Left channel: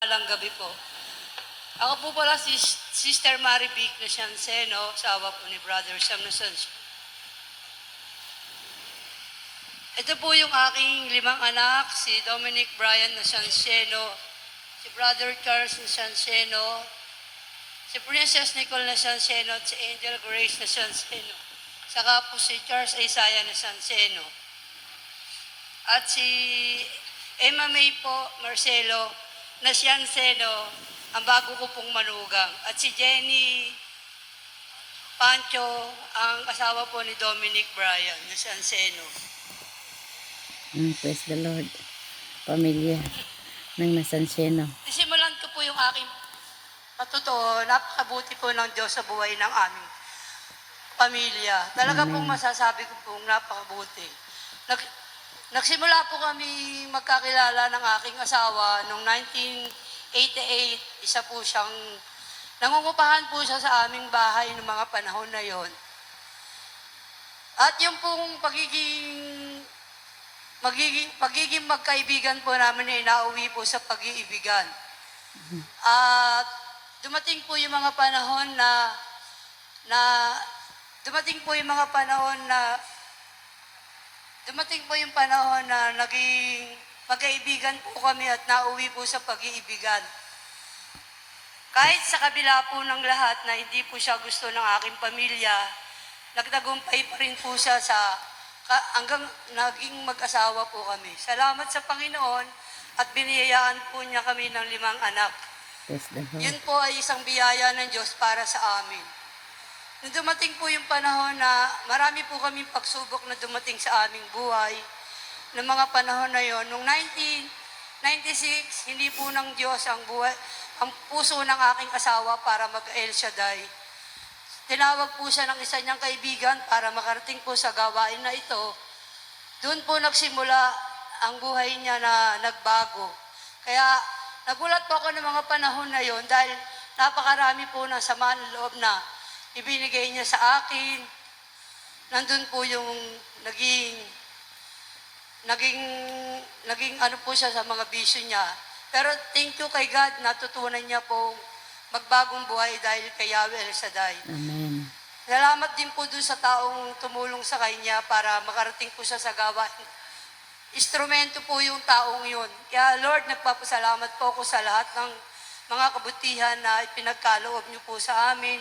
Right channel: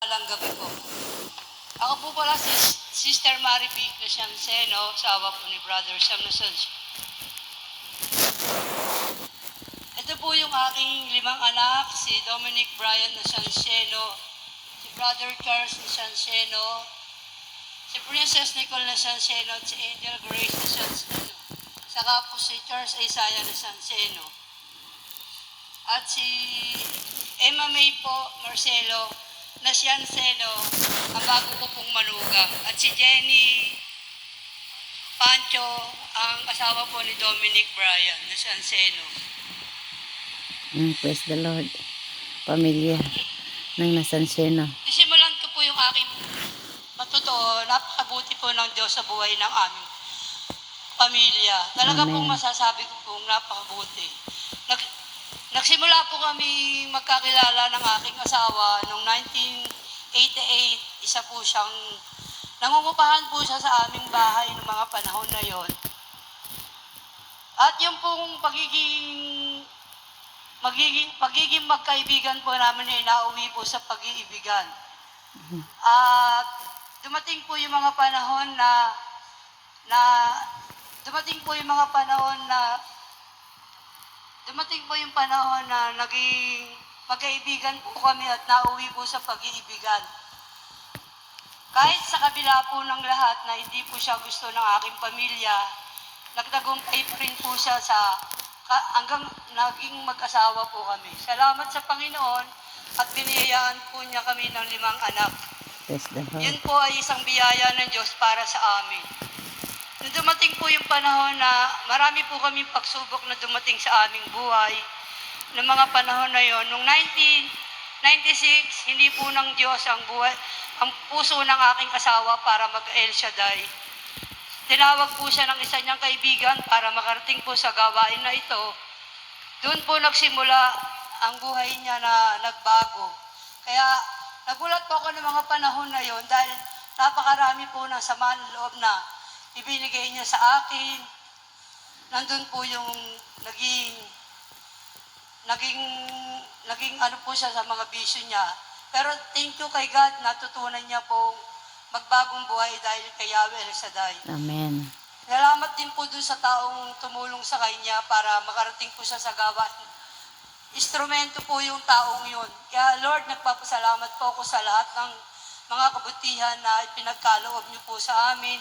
Alang gabi po. Ako po pala si Sister Mary B. Crescenceno, sawa po ni Brother Sam Nasancio. Ito po yung aking limang anak, si Dominic Brian Nasanceno, si Brother Charles Nasanceno, si Princess Nicole Nasanceno at si Angel Grace Nasanceno. Saka po si Charles Isaiah Nasanceno. At si Emma May po Marcelo Nasanceno, ang bago ko pong manugang. At si Jenny Pancho, ang asawa po ni Dominic Brian Nasanceno. Mm, praise the Lord. Pamilya ng Nasanseno. Isimulan ko po yung aking matotoo, napakabuti po ng Diyos sa buhay ng aming pamilya. Talaga Amen. pong masasabi ko pong napakabuti. Nag, nagsimula po kami magkakilala ng aking asawa noong 1988. Isa po siyang nangungupahan po siya sa aming bahay ng mga panahon na yon. At yung pong pagiging magiging pagiging magkaibigan po namin ay nauwi po sa pag-iibigan. At dumating po yung mga panahon na na dumating po yung mga panahon na dumating po yung panahon na naging magkaibigan po kami at nauwi po sa pag-iibigan. Kahit sa kabila po ng lahat na hindi po siya gusto ng aking pamilya, nagtagumpay pa rin po siya sa hanggang naging mag-asawa po kami. Salamat sa Panginoon at biniyayaan po niya kami ng limang anak. Lord. Yun po ay isang biyaya ng Diyos para sa amin. Nung dumating po yung panahon na marami po kami pagsubok na dumating sa aming buhay, ng mga panahon na yon, nung 1996, hindi po ng Diyos ang buhay, ang puso ng aking asawa para mag-El Shaddai. Tinawag po siya ng isa niyang kaibigan para makarating po sa gawain na ito. Doon po nagsimula ang buhay niya na nagbago. Kaya nagulat po ako ng mga panahon na yon dahil napakarami po ng sama ng loob na ibinigay niya sa akin. Nandun po yung naging naging naging ano po siya sa mga bisyo niya. Pero thank you kay God, natutunan niya pong magbagong buhay dahil kay Yahweh El Shaddai. Amen. Salamat din po dun sa taong tumulong sa kanya para makarating po siya sa gawain. Instrumento po yung taong yun. Kaya Lord, nagpapasalamat po ako sa lahat ng mga kabutihan na ipinagkaloob niyo po sa amin.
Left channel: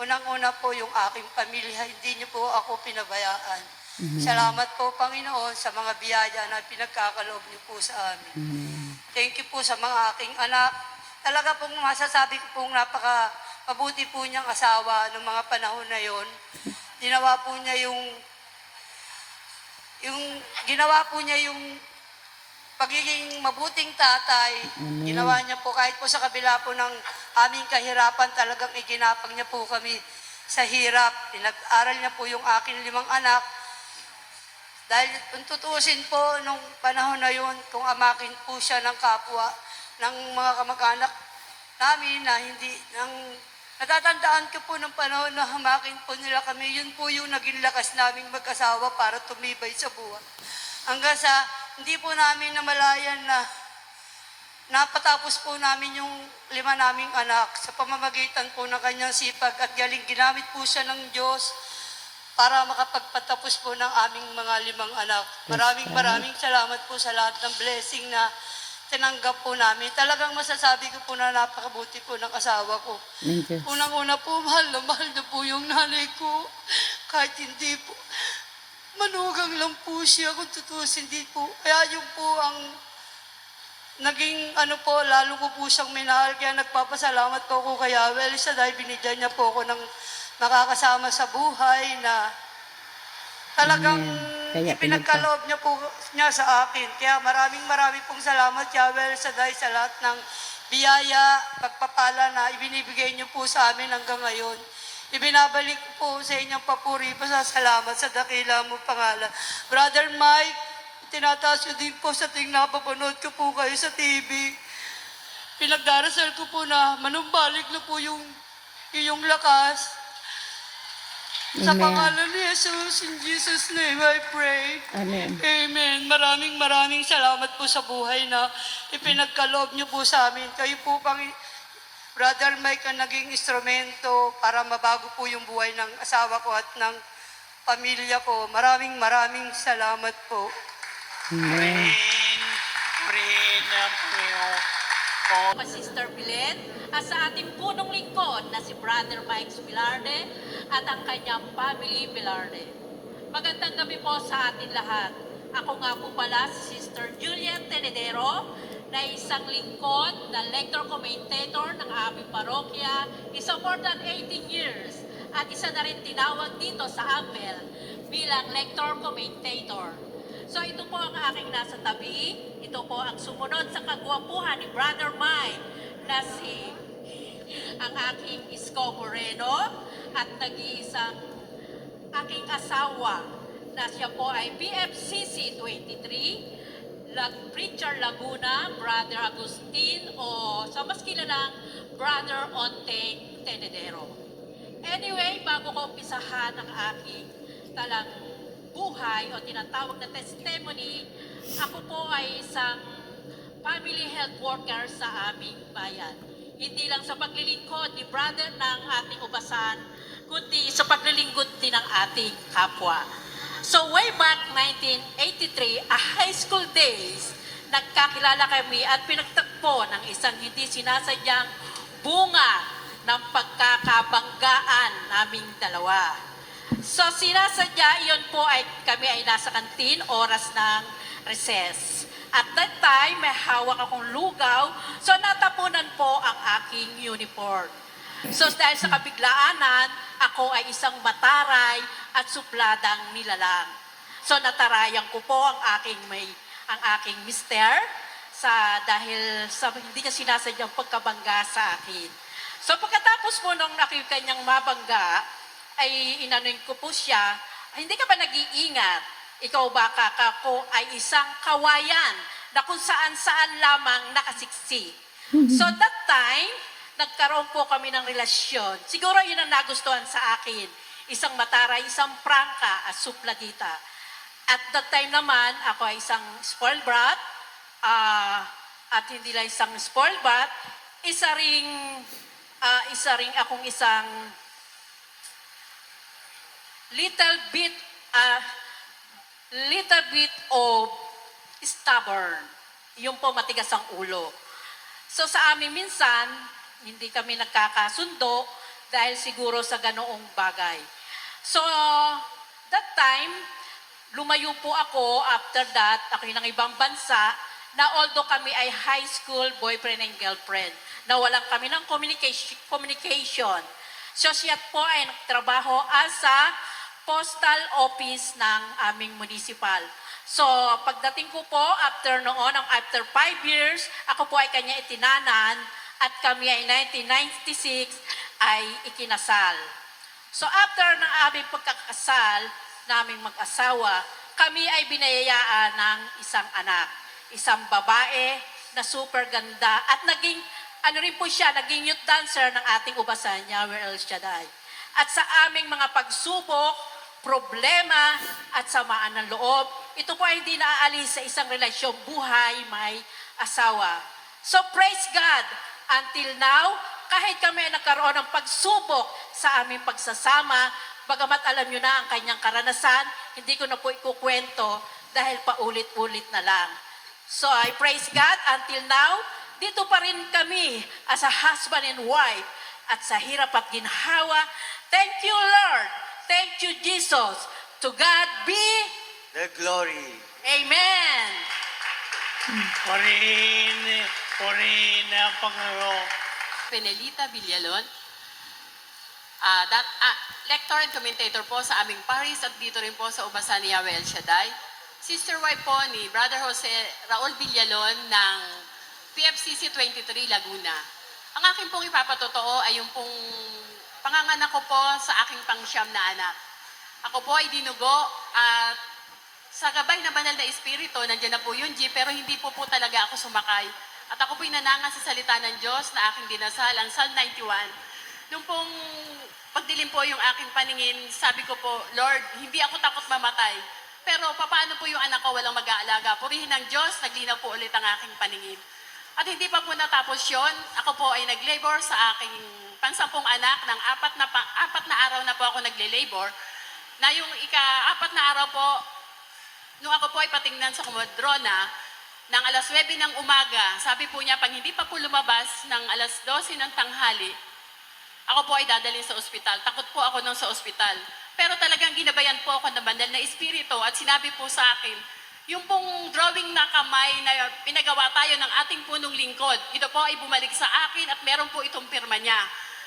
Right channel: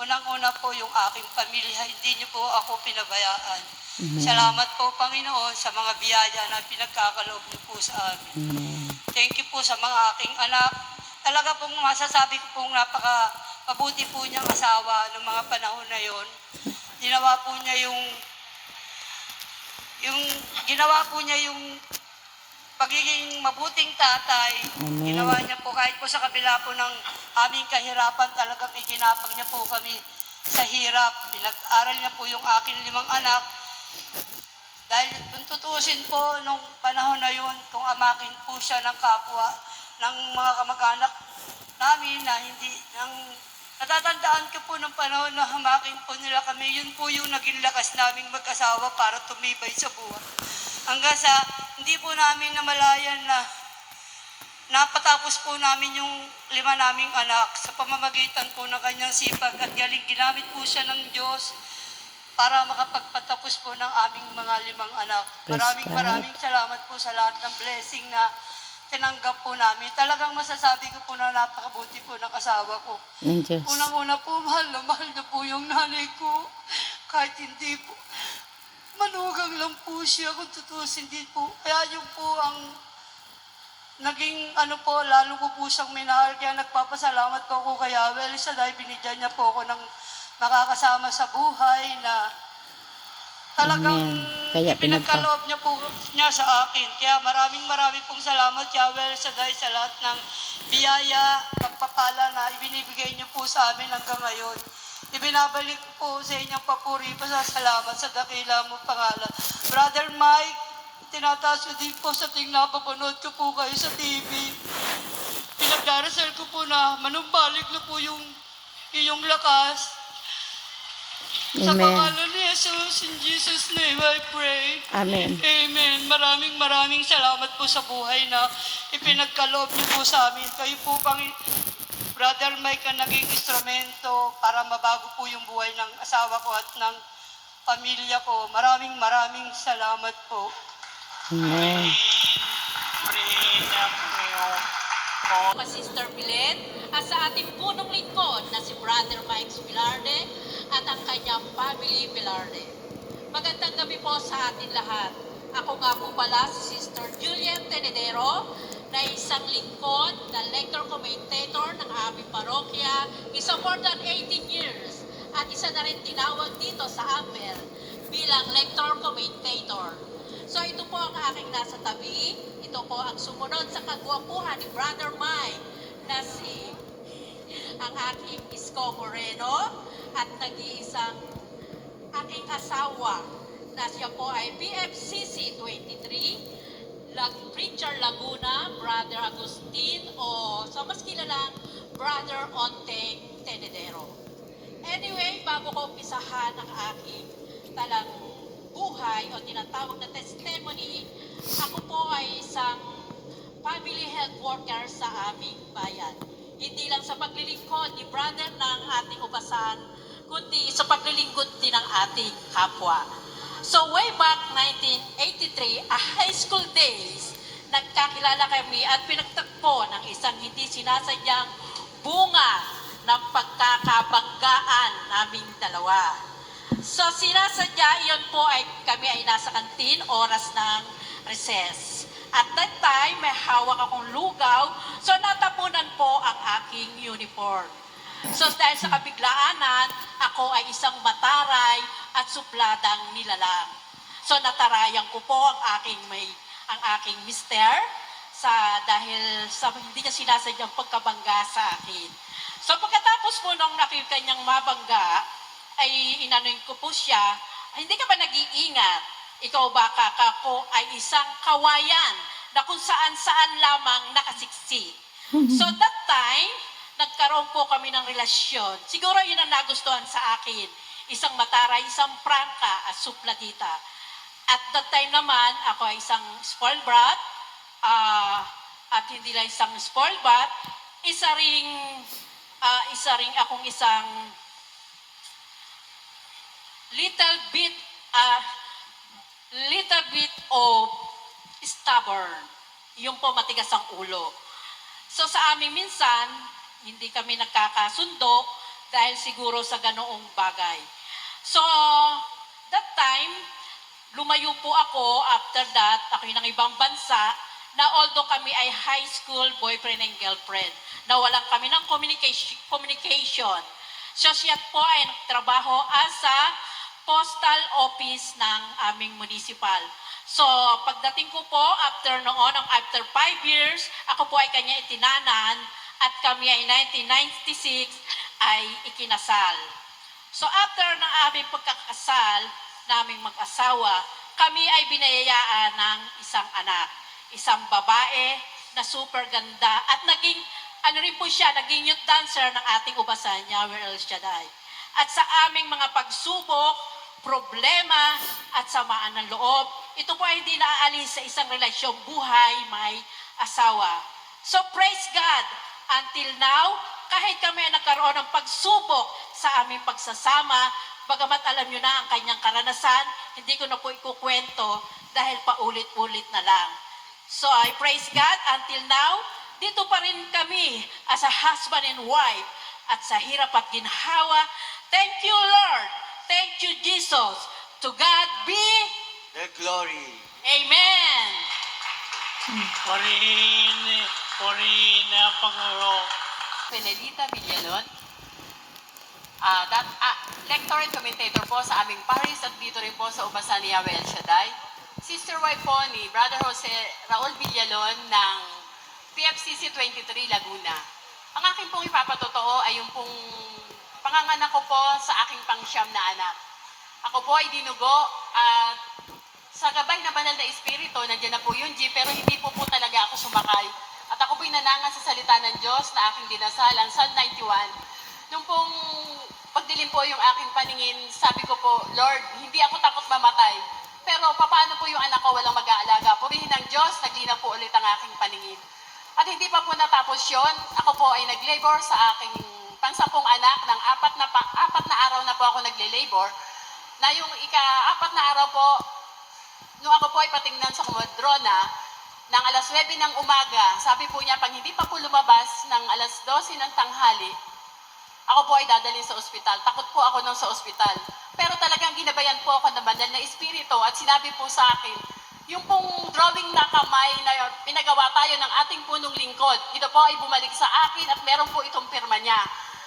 Unang-una po yung aking pamilya, hindi niyo po ako pinabayaan. Salamat po, Panginoon, sa mga biyaya na pinagkakaloob niyo po sa amin. Amen. Thank you po sa mga aking anak. Talaga pong masasabi ko pong napaka mabuti po niyang asawa ng mga panahon na yon. Ginawa po niya yung yung ginawa po niya yung pagiging mabuting tatay. Amen. Ginawa niya po kahit po sa kabila po ng aming kahirapan talagang iginapang niya po kami sa hirap. Pinag-aral niya po yung aking limang anak. Dahil kung tutuusin po nung panahon na yun, kung amakin po siya ng kapwa, ng mga kamag-anak namin na hindi, ng, natatandaan ko po ng panahon na hamakin po nila kami, yun po yung naging lakas naming mag-asawa para tumibay sa buhay. Hanggang sa, hindi po namin namalayan na napatapos po namin yung lima naming anak sa pamamagitan po ng kanyang sipag at galing ginamit po siya ng Diyos para makapagpatapos po ng aming mga limang anak. Maraming maraming salamat po sa lahat ng blessing na tinanggap po namin. Talagang masasabi ko po na napakabuti po ng asawa ko. Unang-una po, mahal na mahal na po yung nanay ko. Kahit hindi po, manugang lang po siya kung tutusin hindi po. Kaya yung po ang naging ano po, lalo ko po siyang minahal. Kaya nagpapasalamat po ako kay Yahweh sa dahil binigyan niya po ako ng nakakasama sa buhay na talagang Amen. Kaya pinagkaloob niya po niya sa akin. Kaya maraming maraming pong salamat Yahweh sa dahil sa lahat ng biyaya, pagpapala na ibinibigay niyo po sa amin hanggang ngayon. Ibinabalik ko po sa inyong papuri pa sa salamat sa dakila mo pangalan. Brother Mike, tinataas ko din po sa ting napapanood ko po kayo sa TV. Pinagdarasal ko po na manumbalik na po yung iyong lakas. Sa Amen. pangalan ni Jesus, in Jesus' name I pray. Amen. Amen. Maraming maraming salamat po sa buhay na ipinagkaloob niyo po sa amin. Kayo po pang Brother Mike ang naging instrumento para mabago po yung buhay ng asawa ko at ng pamilya ko. Maraming maraming salamat po. Amen. Kay Sister Pilet at sa ating punong lingkod na si Brother Mike Pilarde at ang kanyang family Pilarde. Magandang gabi po sa atin lahat. Ako nga po pala si Sister Julian Tenedero na isang lingkod na lector commentator ng aming parokya isa more than 18 years at isa na rin tinawag dito sa Amber bilang lector commentator. So ito po ang aking nasa tabi. Ito po ang sumunod sa kagwapuhan ni Brother Mike na si ang aking Isko Moreno at nag-iisang aking asawa na siya po ay BFCC 23 Lag Preacher Laguna, Brother Agustin o sa mas kilalang Brother Onteng Tenedero. Anyway, bago ko umpisahan ang aking talang buhay o tinatawag na testimony, ako po ay isang family health worker sa aming bayan. Hindi lang sa paglilingkod ni brother ng ating ubasan, kundi sa paglilingkod din ng ating kapwa. So way back 1983, a high school days, nagkakilala kami at pinagtagpo ng isang hindi sinasadyang bunga ng pagkakabanggaan naming dalawa. So sinasadya iyon po ay kami ay nasa kantin oras ng recess. At that time, may hawak akong lugaw, so natapunan po ang aking uniform. So dahil sa kabiglaanan, ako ay isang mataray at supladang nilalang. So natarayan ko po ang aking may ang aking mister sa dahil sa hindi niya sinasadyang pagkabangga sa akin. So pagkatapos po nung nakita niyang mabangga, ay inanuin ko po siya, hindi ka ba nag-iingat? Ikaw ba kakako ay isang kawayan na kung saan-saan lamang nakasiksik. So that time, nagkaroon po kami ng relasyon. Siguro yun ang nagustuhan sa akin. Isang mataray, isang prangka at supladita. At that time naman, ako ay isang spoiled brat. ah, at hindi lang isang spoiled brat, isa ring, ah, isa ring akong isang little bit, ah, little bit of stubborn. Yung po matigas ang ulo. So sa amin minsan, hindi kami nagkakasundo dahil siguro sa ganoong bagay. So, that time, lumayo po ako after that, ako ng ibang bansa, na although kami ay high school boyfriend and girlfriend, na walang kami ng communication. communication. So siya po ay nagtrabaho as a postal office ng aming municipal. So, pagdating ko po, after noon, ang after five years, ako po ay kanya itinanan at kami ay 1996 ay ikinasal. So, after ng aming pagkakasal, naming mag-asawa, kami ay binayayaan ng isang anak. Isang babae na super ganda at naging, ano rin po siya, naging youth dancer ng ating ubasan niya, El Shaddai. At sa aming mga pagsubok, problema at samaan ng loob. Ito po ay hindi naaalis sa isang relasyong buhay may asawa. So praise God, until now, kahit kami ay nagkaroon ng pagsubok sa aming pagsasama, bagamat alam nyo na ang kanyang karanasan, hindi ko na po ikukwento dahil paulit-ulit na lang. So I praise God until now, dito pa rin kami as a husband and wife at sa hirap at ginhawa. Thank you, Lord. Thank you, Jesus. To God be The glory. Amen. Purihin, purihin ang Panginoon. Penelita Villalon. Ah, dat, ah, lector and commentator po sa aming paris at dito rin po sa Ubasan ni Yahweh Shaddai. Sister wife po ni Brother Jose Raul Villalon ng PFCC 23 Laguna. Ang aking pong ipapatotoo ay yung pong panganganak ko po sa aking pangsyam na anak. Ako po ay dinugo at sa gabay na banal na espiritu, nandiyan na po yung G, pero hindi po po talaga ako sumakay. At ako po'y nanangan sa salita ng Diyos na aking dinasal, ang Psalm 91, Nung pong pagdilim po yung aking paningin, sabi ko po, Lord, hindi ako takot mamatay. Pero paano po yung anak ko walang mag-aalaga? Purihin ng Diyos, naglinaw po ulit ang aking paningin. At hindi pa po natapos yon, ako po ay nag-labor sa aking pangsampung anak ng apat na, pa, apat na araw na po ako nagle-labor. Na yung ika-apat na araw po, nung ako po ay patingnan sa kumodrona, ng alas 9 ng umaga, sabi po niya, pag hindi pa po lumabas ng alas 12 ng tanghali, ako po ay dadalhin sa ospital. Takot po ako nung sa ospital. Pero talagang ginabayan po ako ng banal na espiritu at sinabi po sa akin, yung pong drawing na kamay na pinagawa tayo ng ating punong lingkod, ito po ay bumalik sa akin at meron po itong pirma niya.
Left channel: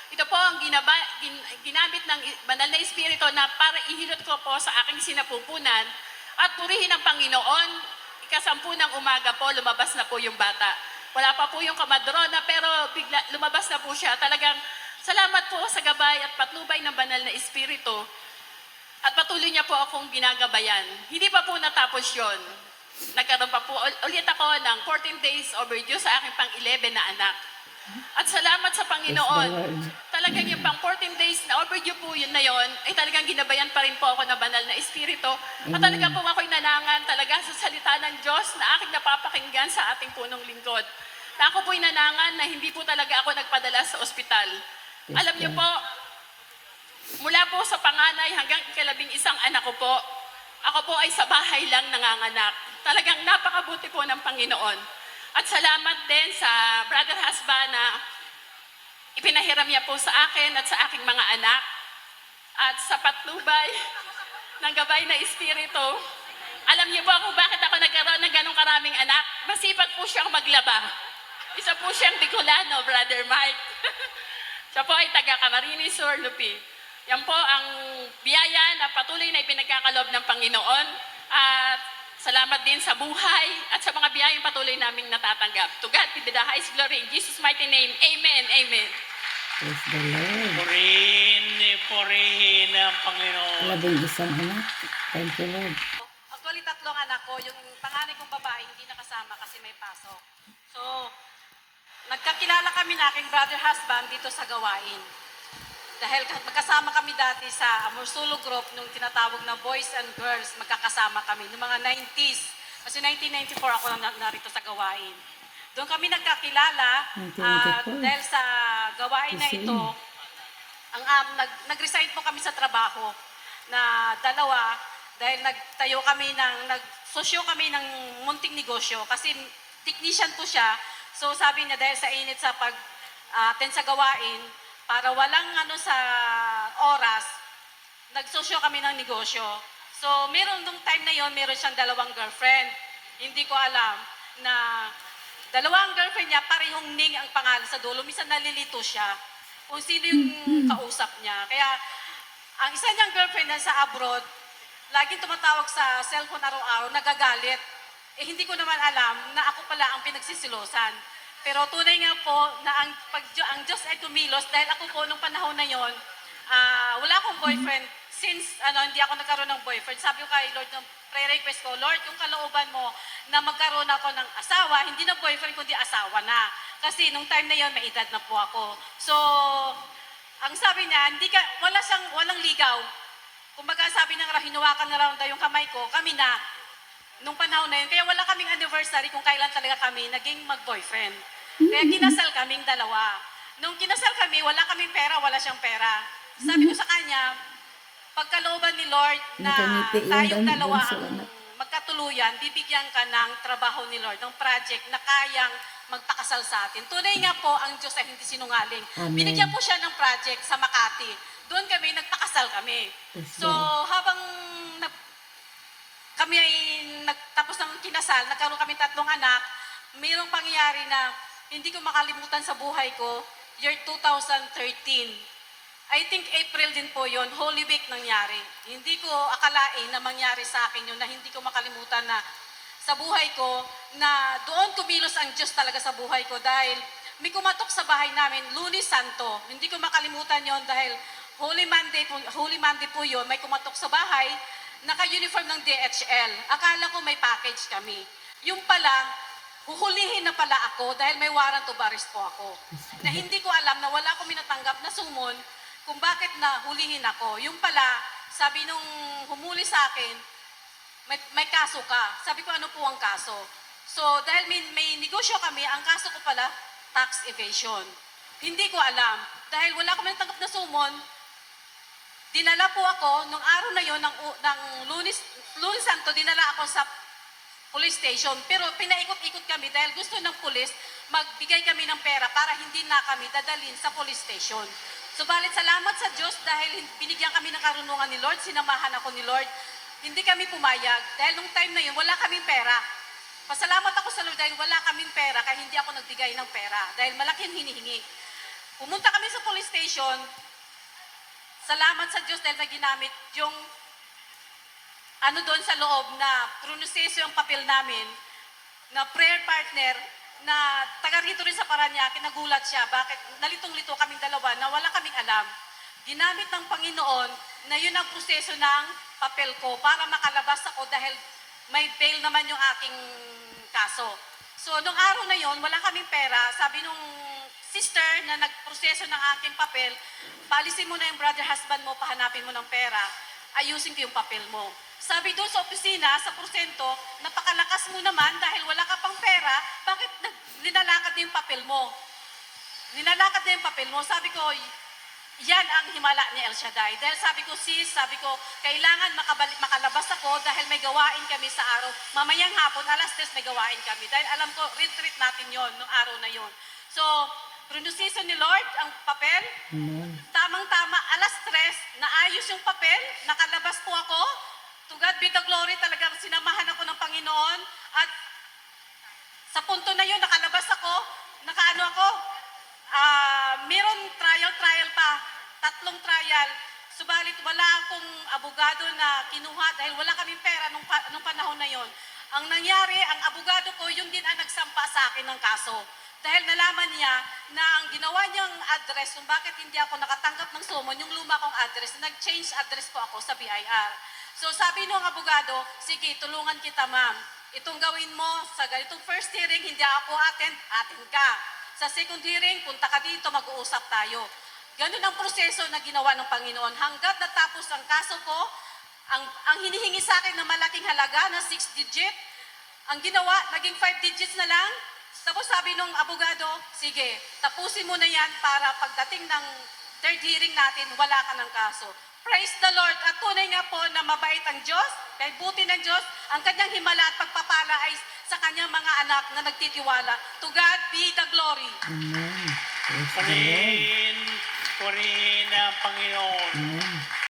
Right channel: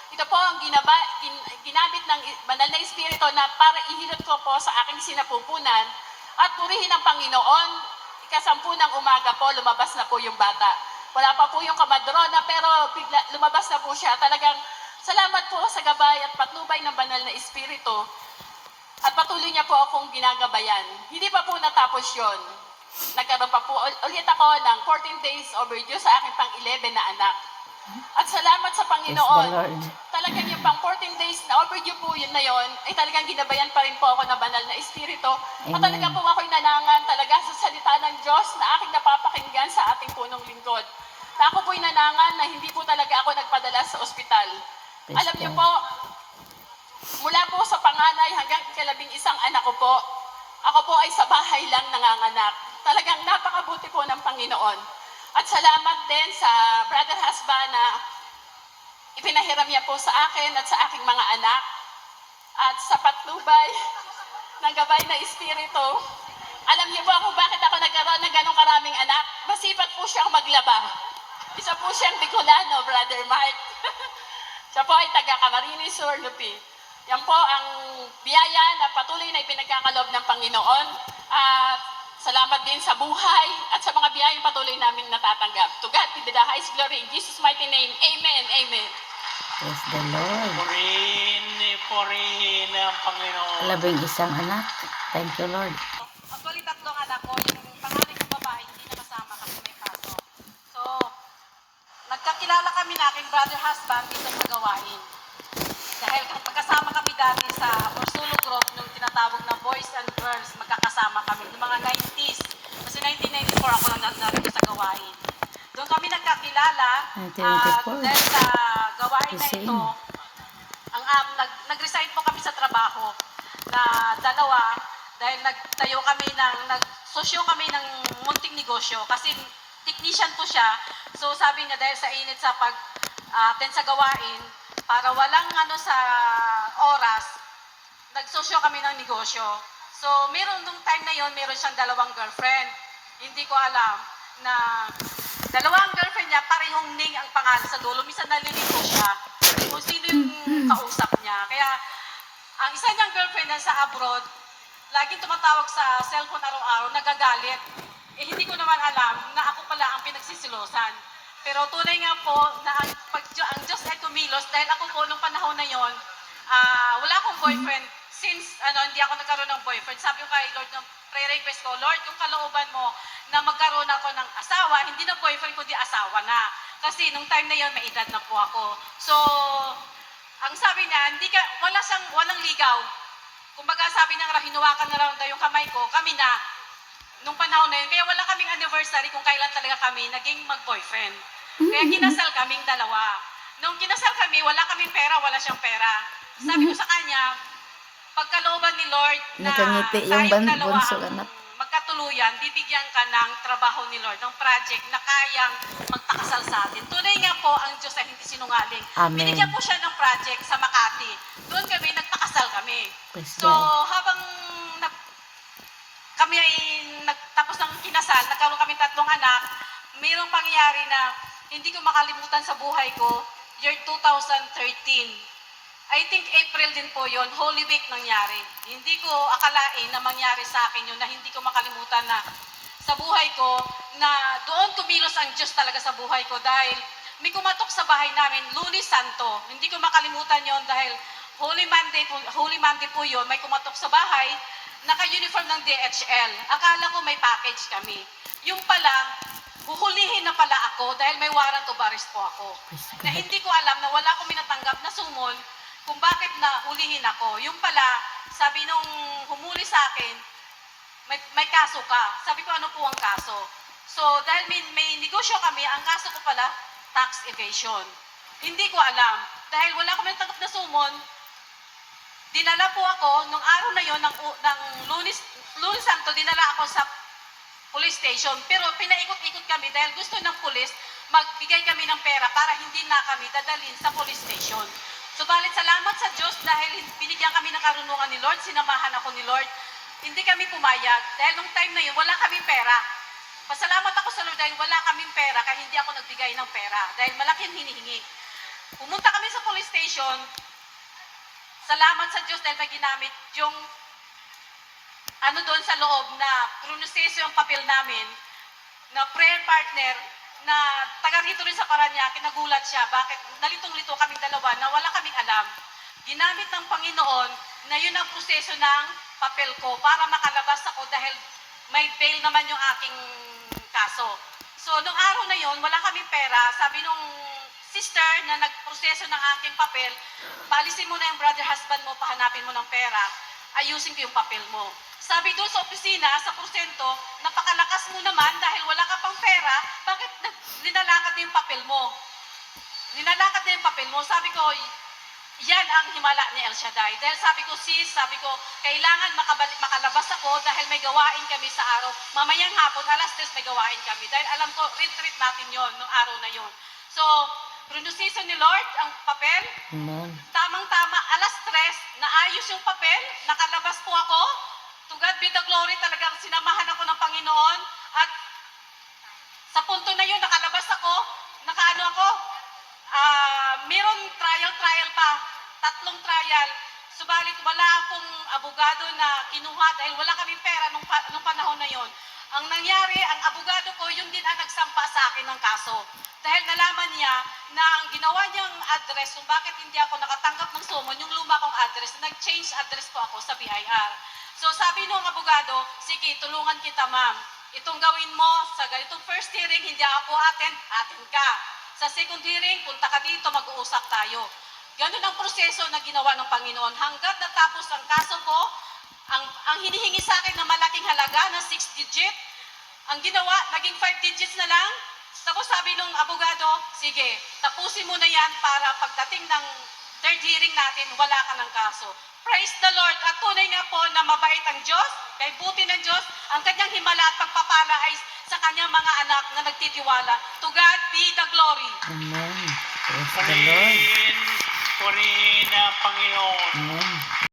Ito po ang ginaba, gin, ginamit ng banal na espiritu na para ihilot ko po sa aking sinapupunan at purihin ang Panginoon. Ikasampu ng umaga po, lumabas na po yung bata. Wala pa po yung kamadrona pero bigla, lumabas na po siya. Talagang salamat po sa gabay at patnubay ng banal na espiritu. At patuloy niya po akong ginagabayan. Hindi pa po natapos yon. Nagkaroon pa po ul- ulit ako ng 14 days overdue sa aking pang-11 na anak. At salamat sa Panginoon. Talagang yung pang 14 days na overdue po yun na yon, ay talagang ginabayan pa rin po ako ng banal na espiritu. At talaga po ako'y nanangan sa salita ng Diyos na aking napapakinggan sa ating punong lingkod. Na ako po'y nanangan na hindi po talaga ako nagpadala sa ospital. Alam niyo po, mula po sa panganay hanggang ikalabing isang anak ko po, ako po ay sa bahay lang nanganganak. Talagang napakabuti po ng Panginoon. At salamat din sa brother husband na ipinahiram niya po sa akin at sa aking mga anak. At sa patnubay ng gabay na espiritu, alam niyo po kung bakit ako nagkaroon ng ganong karaming anak? Masipag po siyang maglaba. Isa po siyang Bicolano, Brother Mike. Siya po ay taga Camarines Sur, Lupi. Yan po ang biyaya na patuloy na ipinagkakalob ng Panginoon. At salamat din sa buhay at sa mga biyayang patuloy naming natatanggap. To God be the highest glory in Jesus' mighty name. Amen. Amen. Praise the Lord. Purihin, purihin ang Panginoon. Labing isang anak. Thank you, Lord. Anak ko. Yung panganay kong babae, hindi nakasama kasi may pasok. So, nagkakilala kami na aking brother husband dito sa gawain. Dahil magkasama kami dati sa Porsulo Group nung tinatawag na Boys and Girls, magkakasama kami. Noong mga 90s, kasi 1994 ako lang narito sa gawain. Doon kami nagkakilala at 1994. dahil sa gawain na ito, ang um, nag, nag-resign po kami sa trabaho na dalawa dahil nagtayo kami ng nagsosyo kami ng munting negosyo kasi technician po siya. So sabi niya dahil sa init sa pag ah, attend sa gawain para walang ano sa oras nagsosyo kami ng negosyo. So, meron nung time na yon meron siyang dalawang girlfriend. Hindi ko alam na dalawang girlfriend niya, parehong Ning ang pangalan sa dulo. Minsan nalilito siya kung sino yung kausap niya. Kaya, ang isa niyang girlfriend na sa abroad, laging tumatawag sa cellphone araw-araw, nagagalit. Eh, hindi ko naman alam na ako pala ang pinagsisilosan. Pero tunay nga po na ang, pag, ang Diyos ay kumilos dahil ako po nung panahon na yon, ah, wala akong boyfriend. Since ano, hindi ako nagkaroon ng boyfriend, sabi ko kay Lord, ng prayer request ko, Lord, yung kalooban mo na magkaroon ako ng asawa, hindi na boyfriend, kundi asawa na. Kasi nung time na yon may edad na po ako. So, ang sabi niya, hindi ka, wala siyang, walang ligaw. Kumbaga sabi niya, hinawakan na lang daw yung kamay ko, kami na. Nung panahon na yun, kaya wala kaming anniversary kung kailan talaga kami naging mag-boyfriend. Kaya kinasal kaming dalawa. Nung kinasal kami, wala kaming pera, wala siyang pera. Sabi ko sa kanya, pagkalooban ni Lord na Nakangiti yung ban- dalawa bunso, ang anak. Magkatuluyan, bibigyan ka ng trabaho ni Lord, ng project na kayang magpakasal sa atin. Tunay nga po, ang Diyos ay hindi sinungaling. Amen. Binigyan po siya ng project sa Makati. Doon kami, nagpakasal kami. Praise So, God. habang nag, kami ay nagtapos ng kinasal, nagkaroon kami tatlong anak, mayroong pangyayari na hindi ko makalimutan sa buhay ko, year 2013. I think April din po yon Holy Week nangyari. Hindi ko akalain na mangyari sa akin yun, na hindi ko makalimutan na sa buhay ko, na doon kumilos ang Diyos talaga sa buhay ko dahil may kumatok sa bahay namin, Lunes Santo. Hindi ko makalimutan yon dahil Holy Monday po, Holy Monday po yun, may kumatok sa bahay, naka-uniform ng DHL. Akala ko may package kami. Yung pala, huhulihin na pala ako dahil may warrant of arrest po ako. Na hindi ko alam na wala akong minatanggap na sumon kung bakit na hulihin ako. Yung pala, sabi nung humuli sa akin, may, may kaso ka. Sabi ko, ano po ang kaso? So, dahil may, may negosyo kami, ang kaso ko pala, tax evasion. Hindi ko alam. Dahil wala akong minatanggap na sumon, dinala po ako, nung araw na yon ng, ng lunes, lunes santo, dinala ako sa police station. Pero pinaikot-ikot kami dahil gusto ng police magbigay kami ng pera para hindi na kami dadalhin sa police station. Subalit salamat sa Diyos dahil binigyan kami ng karunungan ni Lord, sinamahan ako ni Lord. Hindi kami pumayag dahil nung time na yun wala kaming pera. Pasalamat ako sa Lord dahil wala kaming pera kaya hindi ako nagbigay ng pera dahil malaki ang hinihingi. Pumunta kami sa police station, salamat sa Diyos dahil na yung ano doon sa loob na pronunciation yung papel namin na prayer partner na taga rito rin sa Paranaque, nagulat siya. Bakit? Nalitong-lito kaming dalawa na wala kaming alam. Ginamit ng Panginoon na yun ang proseso ng papel ko para makalabas ako dahil may bail naman yung aking kaso. So, nung araw na yon wala kaming pera. Sabi nung sister na nagproseso ng aking papel, palisin mo na yung brother husband mo, pahanapin mo ng pera, ayusin ko yung papel mo. Sabi doon sa opisina, sa porsyento, napakalakas mo naman dahil wala ka pang pera, linalakad na yung papel mo? Linalakad na yung papel mo. Sabi ko, yan ang himala ni El Shaddai. Dahil sabi ko, sis, sabi ko, kailangan makabalik, makalabas ako dahil may gawain kami sa araw. Mamayang hapon, alas 3 may gawain kami. Dahil alam ko, retreat natin yon noong araw na yon. So, pronunciation ni Lord, ang papel, Amen. tamang-tama, alas 3, naayos yung papel, nakalabas po ako. To God be the glory, talagang sinamahan ako ng Panginoon. At sa punto na yun, nakalabas ako, nakaano ako, ah, meron trial-trial pa, tatlong trial. Subalit wala akong abogado na kinuha dahil wala kaming pera nung, pa- nung panahon na yon. Ang nangyari, ang abogado ko, yun din ang nagsampa sa akin ng kaso. Dahil nalaman niya na ang ginawa niyang address kung bakit hindi ako nakatanggap ng summon, yung luma kong address, nag-change address po ako sa BIR. So sabi nung abogado, sige, tulungan kita ma'am. Itong gawin mo sa ganitong first hearing, hindi ako attend, attend ka. Sa second hearing, punta ka dito, mag-uusap tayo. Ganun ang proseso na ginawa ng Panginoon. Hanggat natapos ang kaso ko, ang, ang hinihingi sa akin na malaking halaga na 6 digit, ang ginawa, naging 5 digits na lang. Tapos sabi nung abogado, sige, tapusin mo na yan para pagdating ng third hearing natin, wala ka ng kaso. Praise the Lord. At tunay nga po na mabait ang Diyos, kay buti ng Diyos, ang kanyang himala at pagpapala ay sa kanyang mga anak na nagtitiwala. To God be the glory. Amen. Praise the Lord. Purihin, purihin ang Panginoon. Amen.